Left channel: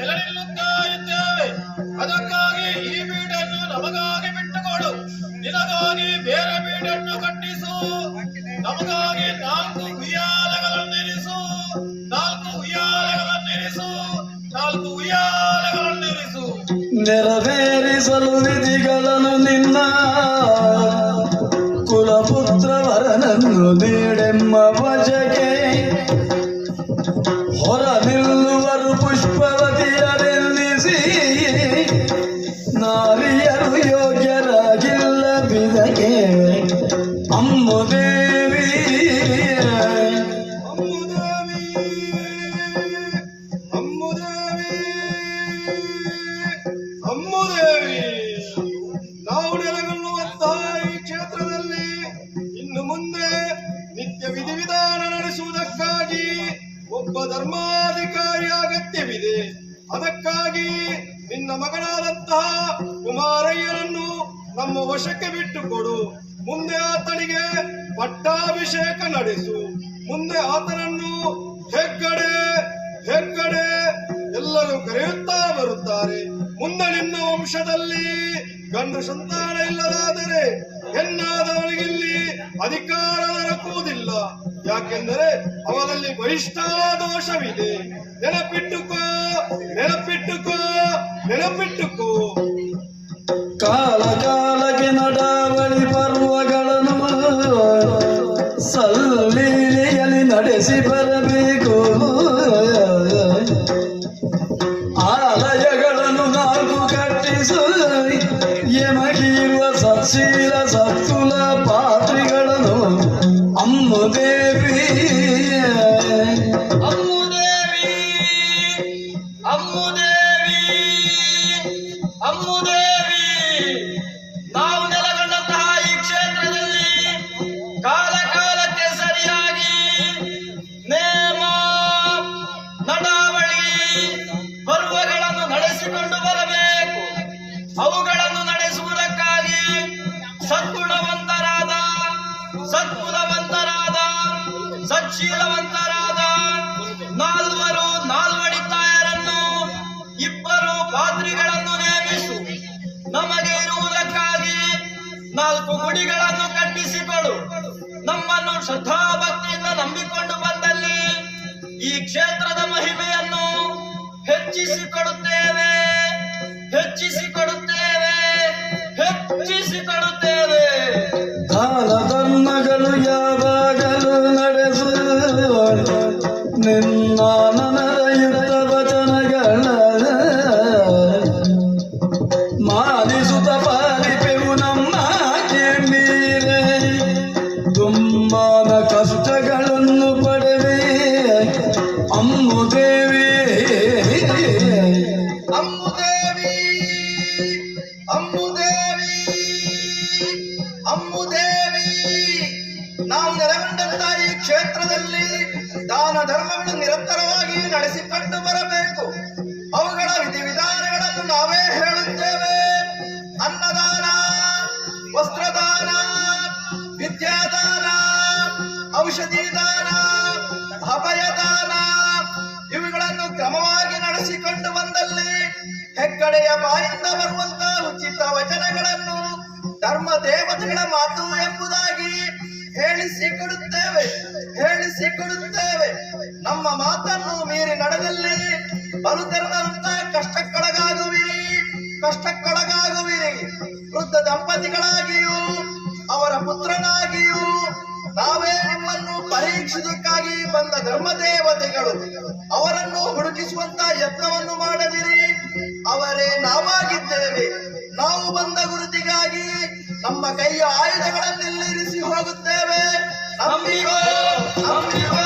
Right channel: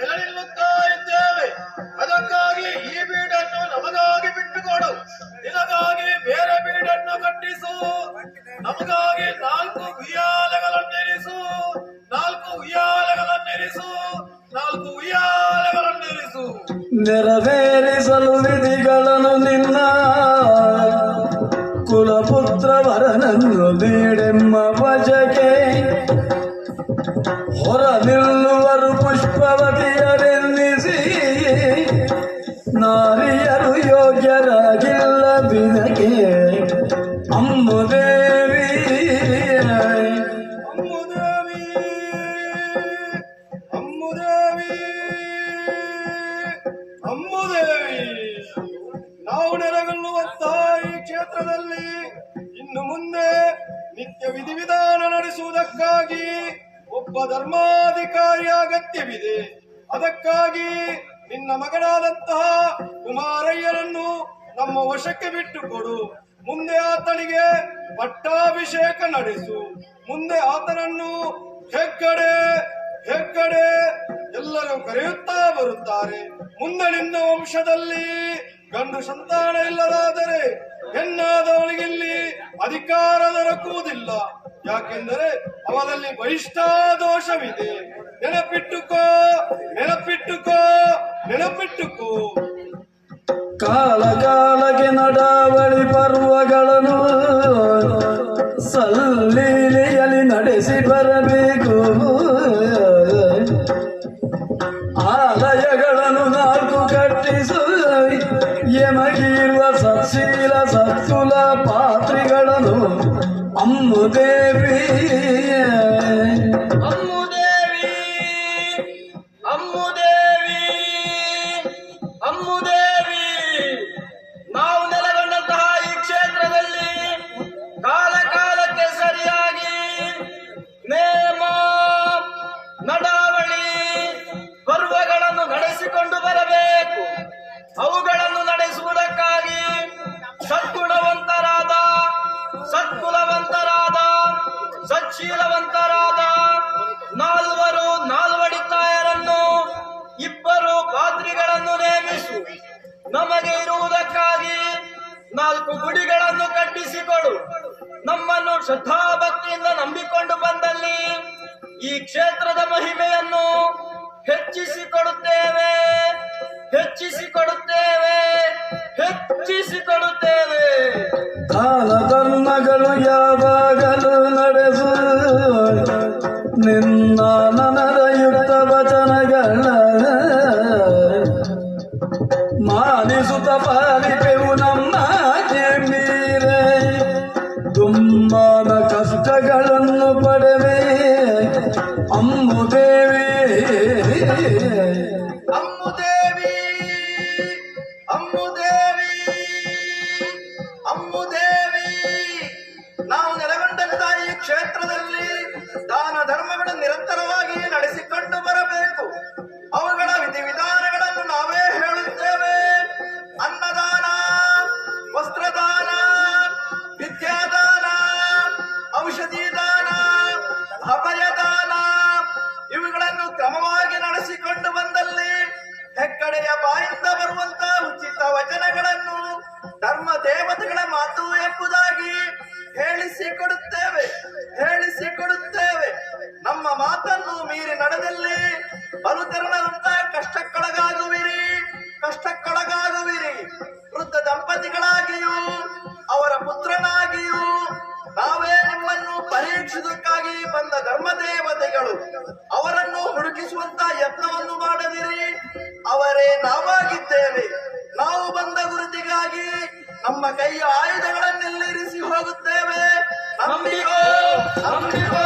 ನೆಲೆ ಇದ್ದೇವೆ ಅದಕ್ಕಾಗಿ ಈ ಬೀಡನ್ನು ನಮಗಾಗಿ ಬಿಟ್ಟುಕೊಡು. ನಿನಗಾಗಿ ಬೇರೆ ಬೀಡನ್ನು ಕಟ್ಟಿಸು. ನಮಗಾಗಿ ನಾಲ್ಕು ಉಯ್ಯಾಲೆಗಳನ್ನಿರಿಸು. ನಾಲ್ಕು ಉಯ್ಯಾಲೆಗಳನ್ನಿರಿಸು. ನಾಲ್ಕು ಉಯ್ಯಾಲೆಗಳನ್ನಿರಿಸು. ನೆರವೇರಿಸಲು ಕ್ಷೇತ್ರದಲ್ಲಿ ಇನ್ನು ಮುಂದೆ ನಿತ್ಯ ವಿಧಿವಿಧಾನ ನಡೆಸುವುದಕ್ಕಾಗಿ ಒಬ್ಬ ಧರ್ಮಾಧಿಕಾರಿ ಅಗತ್ಯವಿದೆ. ಅದಕ್ಕಾಗಿ ನಿನ್ನ ಮಗನಾದಂತಹ ಕುಮಾರಯ್ಯನನ್ನು ನಮ್ಮ ವಶಕ್ಕೆ ಬಿಟ್ಟುಕೊಡು. ಮುಂದೆ ಆತನಿಗೆ ಪಟ್ಟಾಭಿಷೇಕ ನಡೆಸು. ಮುಂದೆ ಆತನನ್ನು ಹೆಗ್ಗಡೆ ಹೆಗ್ಗಡೆ ಎಲ್ಲರೂ ಕರೆಯುತ್ತಾ ಬರುತ್ತಾರೆ. ಮುಂದೆ ನಿನ್ನ ವಂಶದಲ್ಲಿ ಗಂಡು ಸಂತಾನ ಇಲ್ಲದಾದರೆ ಹೆಣ್ಣಾದವಳಿಗಿಲ್ಲಿ ಅಧಿಕಾರ ದೊರಕುವುದಿಲ್ಲ. ಯಾಕೆಂದರೆ ಅವರಲ್ಲಿ ಬಹಿಷ್ಠಾದೋಷವಿದೆ ನೆನಪಿಟ್ಟುಕೋ ನೆನಪಿಟ್ಟುಕೋ ನೆನಪಿಟ್ಟುಕೋ. ಕಾಲ ಕಾಲಕ್ಕೆ ನಡಾವಳಿ ಪರ್ವಗಳನ್ನು ಸಲ್ಲೀಲೆಯಲ್ಲಿ ನಡೆಸಿ ಬರಬೇಕು வந்து ನಮ್ಮನ್ನು ಶ್ರದ್ಧಾಭಕ್ತಿಯಿಂದ ನಂಬಿಕೊಂಡು ಬಂದಲ್ಲಿ ಈ ಕ್ಷೇತ್ರದ ಮಹಿಮೆಯನ್ನು ಹೆಚ್ಚಿಸಿಕೊಡುತ್ತೇವೆ ಹೆಚ್ಚಿಸಿಕೊಡುತ್ತೇವೆ ಹೆಚ್ಚಿಸಿಕೊಡುತ್ತೇವೆ. ಕಷ್ಟಗಳನ್ನು ಪಡೆವೆ. ಅಮ್ಮು ದೇವಿ. ಅಮ್ಮು ದೇವಿ. ನಾವು ನೆಲೆಗೊಂಡಂತ ಈ ಕ್ಷೇತ್ರದಲ್ಲಿ ದಾನ ಧರ್ಮಗಳು ನಿರಂತರವಾಗಿ ನಡೆಸಿಕೊಂಡು ಬರಬೇಕು. ಅವುಗಳ ಔಷಧಿ ದಾನ ಅಭಯದಾನ ಇವುಗಳನ್ನು ಕ್ರಮವಾಗಿ ನಡೆಸಿಕೊಂಡು ಬಂದಲ್ಲಿ ಹೆಗ್ಗಡೆಯ ಬಾಯಿಂದ ಬರುವಂತಹ ಉಚಿತ ವಚನಗಳನ್ನು ಧರ್ಮ ದೇವತೆಗಳ ಮಾತು ಎಂಬುದಾಗಿ ಹೇಳಿಸಿಕೊಡುತ್ತೇವೆ ಹೇಳಿಸಿಕೊಡುತ್ತೇವೆ ನಮ್ಮ ಮಾತನ್ನು ಮೀರಿ ನಡೆದಲ್ಲಿ ಬಲುತೆರನಂತ ಕಷ್ಟಕ್ಕೊಳಗಾಗುವಿರಿ ಪರೀಕ್ಷಿಸಕ್ಕಾಗಿ ಬಂದ ಧರ್ಮ ದೇವತೆಗಳು ಅವರನ್ನು ಹುಡುಕಿಸುವಂತ ಯತ್ನವನ್ನು ಮಾಡದಿರಿ. ಅವರೇ ನಾವಾಗಿದ್ದೇವೆ. ನಾವು ಬಂದ ಗುರುತಿಗಾಗಿ ನಮ್ಮ ಕೈಯ ಆಯುಧಗಳನ್ನೆಲ್ಲಿರಿಸಿ ಹೋಗುತ್ತೇವೆ. ನಂಬಿಕೋ ನಂಬಿಕೋ